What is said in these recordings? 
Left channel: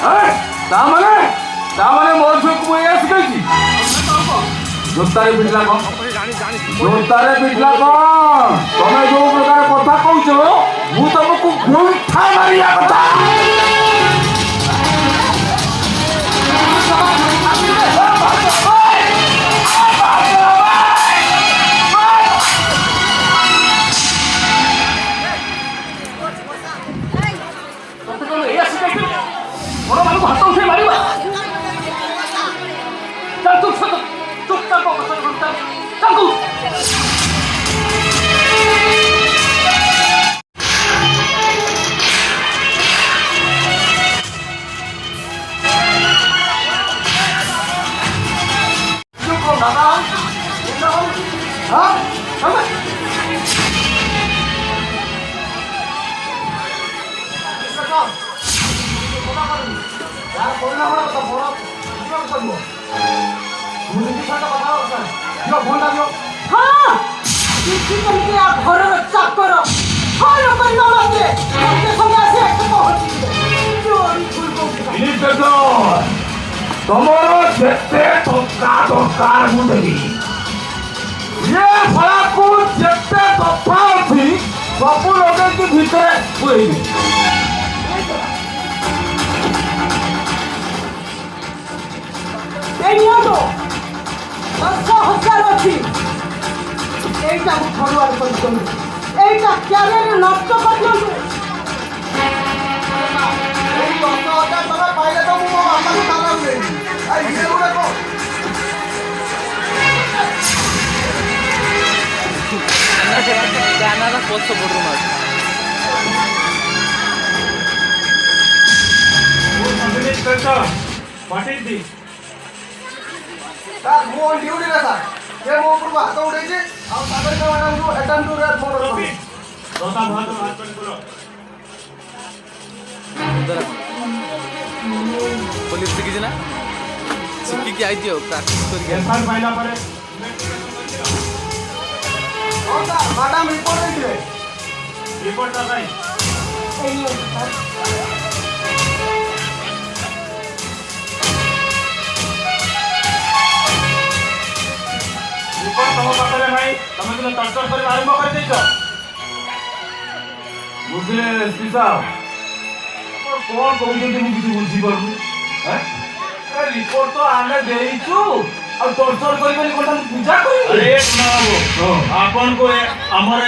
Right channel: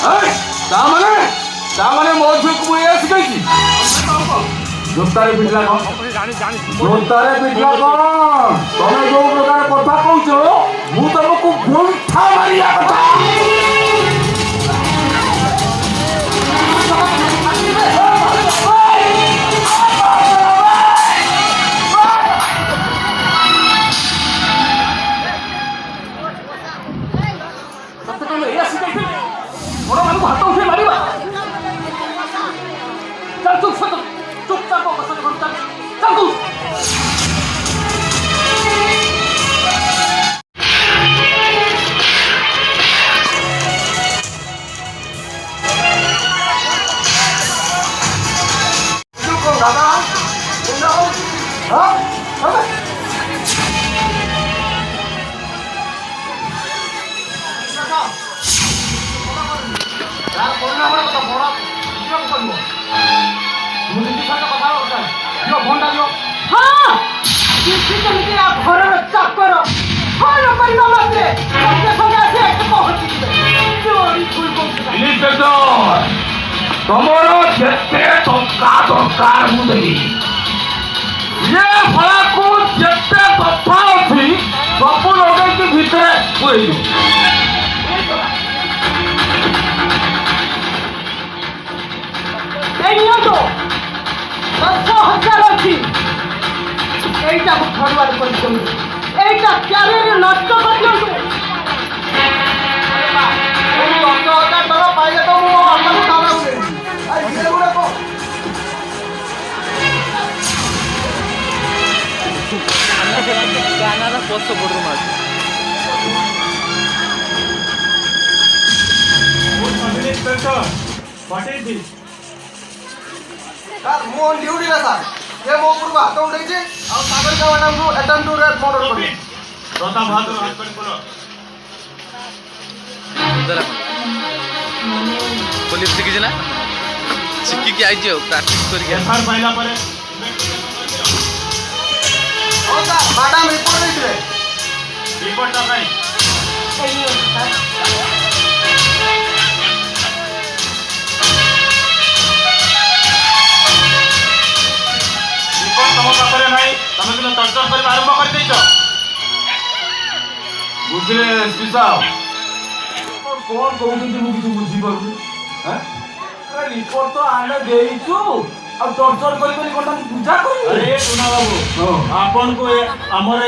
ତାମାନେ ମୋ ଝିଅକୁ ମୁଁ ଏଇଆ ଶିଖେଇଛି। ଜୋତାରେ ପିଟିଲା କଣ? ଜୋତାରେ ପିଟିଲା କଣ? ତମେ ଯୋଉ ପ୍ରକାର କଥା କହୁଛ ମୁଁ ତମକୁ ଗୁଣ୍ଠା ମାରିବା କଥା। ବଡ଼ ମାନଙ୍କୁ ହାତ ଉଠେଇ ମାରିବା। ଚୁପଚାପ ତାଙ୍କୁ ଦାଦା यार परिणाम কথা বড় কিরকম করব তুমি যদি সাথে কথা বলছ দিও ফোনটা দিও। হ্যাঁ কিছু তুমি আ ঘরের চাকর ফোন করিবা মাত্রে সঙ্গে সঙ্গে আসে এসে পৌঁছি দিবে চোরি ফুল করতে। ইন্সপেক্টর তোমার যেতে টঙ্কা দরকার মু দেবি। ये फलाकू जेते दफा अछि सब लोगे के भीतर हुई तो 10,000 अच्छी এইটা ফরওয়ার্ড করে দিন। এইটা ক্যারিয়ার নষ্ট করে দিন। এই 10,000 টাকা পাইলে তো মো আমাকে টাকা দেই। এই ভিডিওগুলো কো গানাটা পছ পড়ু না। ওই continue inspector what is this? Sir मो ऑन ड्यूटी रे सर ये मो ऊपर हाथ उठाई जे और सागर का मैडम को अटेम्प्ट टू रेप मर्डर कर रोता हाथ कर बोलो इधर पुलिस की जना सिक्की की आई जे प्रैक्टिस कर के एफआईआर फाइल पर ओ सर मैडम रिपोर्ट दे रिपोर्ट का भाई सही हो सर तम पाखे ना तुम कि टर्चर कर आरंभ कर बुझे एसपी साहब कौन कहते मुझे बुझीपार रिपोर्ट तो आने देचु टर्चर कर पूजा कर आपन को आमर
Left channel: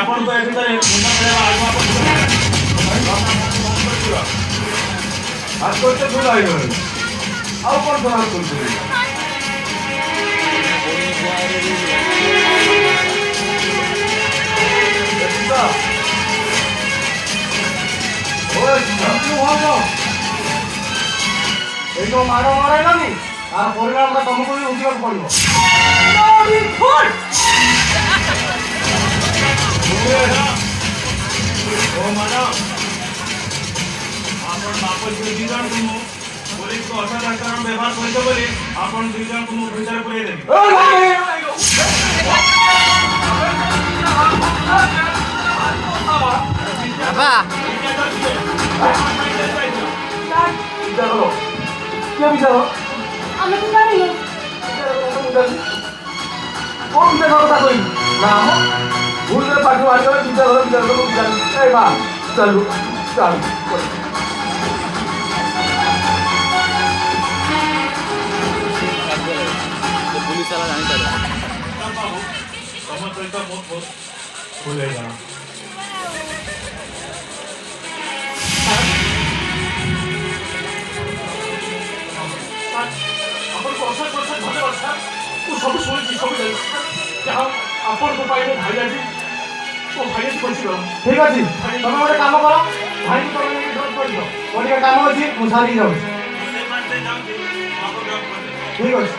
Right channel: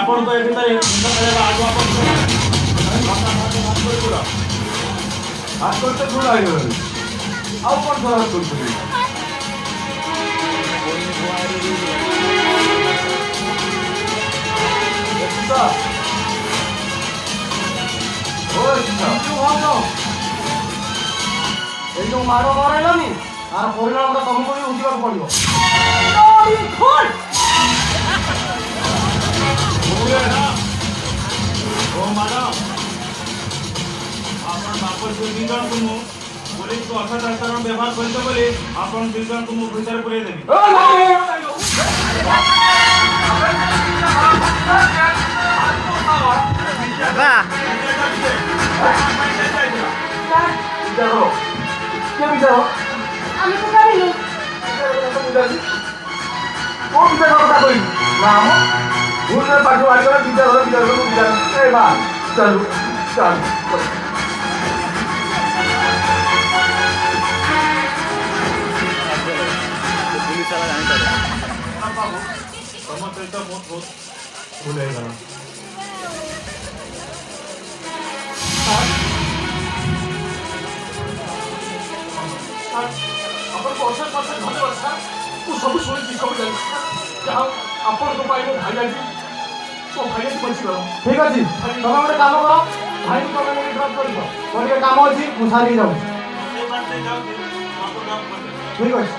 आपन को मुंड खेला हाथ करते भूल आउ कौन थोड़ा हाथ कर जो माड़ मराइलानी तार परिणाम तुमको भी उठा पड़ो बाप दुई जन तुम पुलिस को असदाचरण व्यवहार कर बोली आपन दुई जन तुम भीतर पुरे देबी। बाबा क्या विचार आम तो जानी कौन विचार कथा कह ना भूल पाठ बाहर विचार माँ चलू चल पुलिस वाला जानी तुम सहित बहुत भूल हो धन्यवाद सर मुझे सब शुणी सब जानी जहाँ आपण को पाइले भाई आज तो भाई आज बचीगला ठीक अच्छे तुम गोटे कम कर भाई को तुम ड्रप कर मोटे कम अच्छी मुझे सारी जाऊँ ठीक अच्छे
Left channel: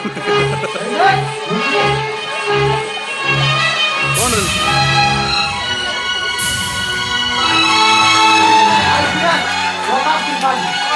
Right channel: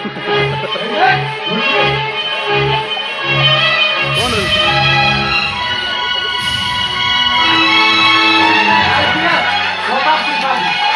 कौन रे बता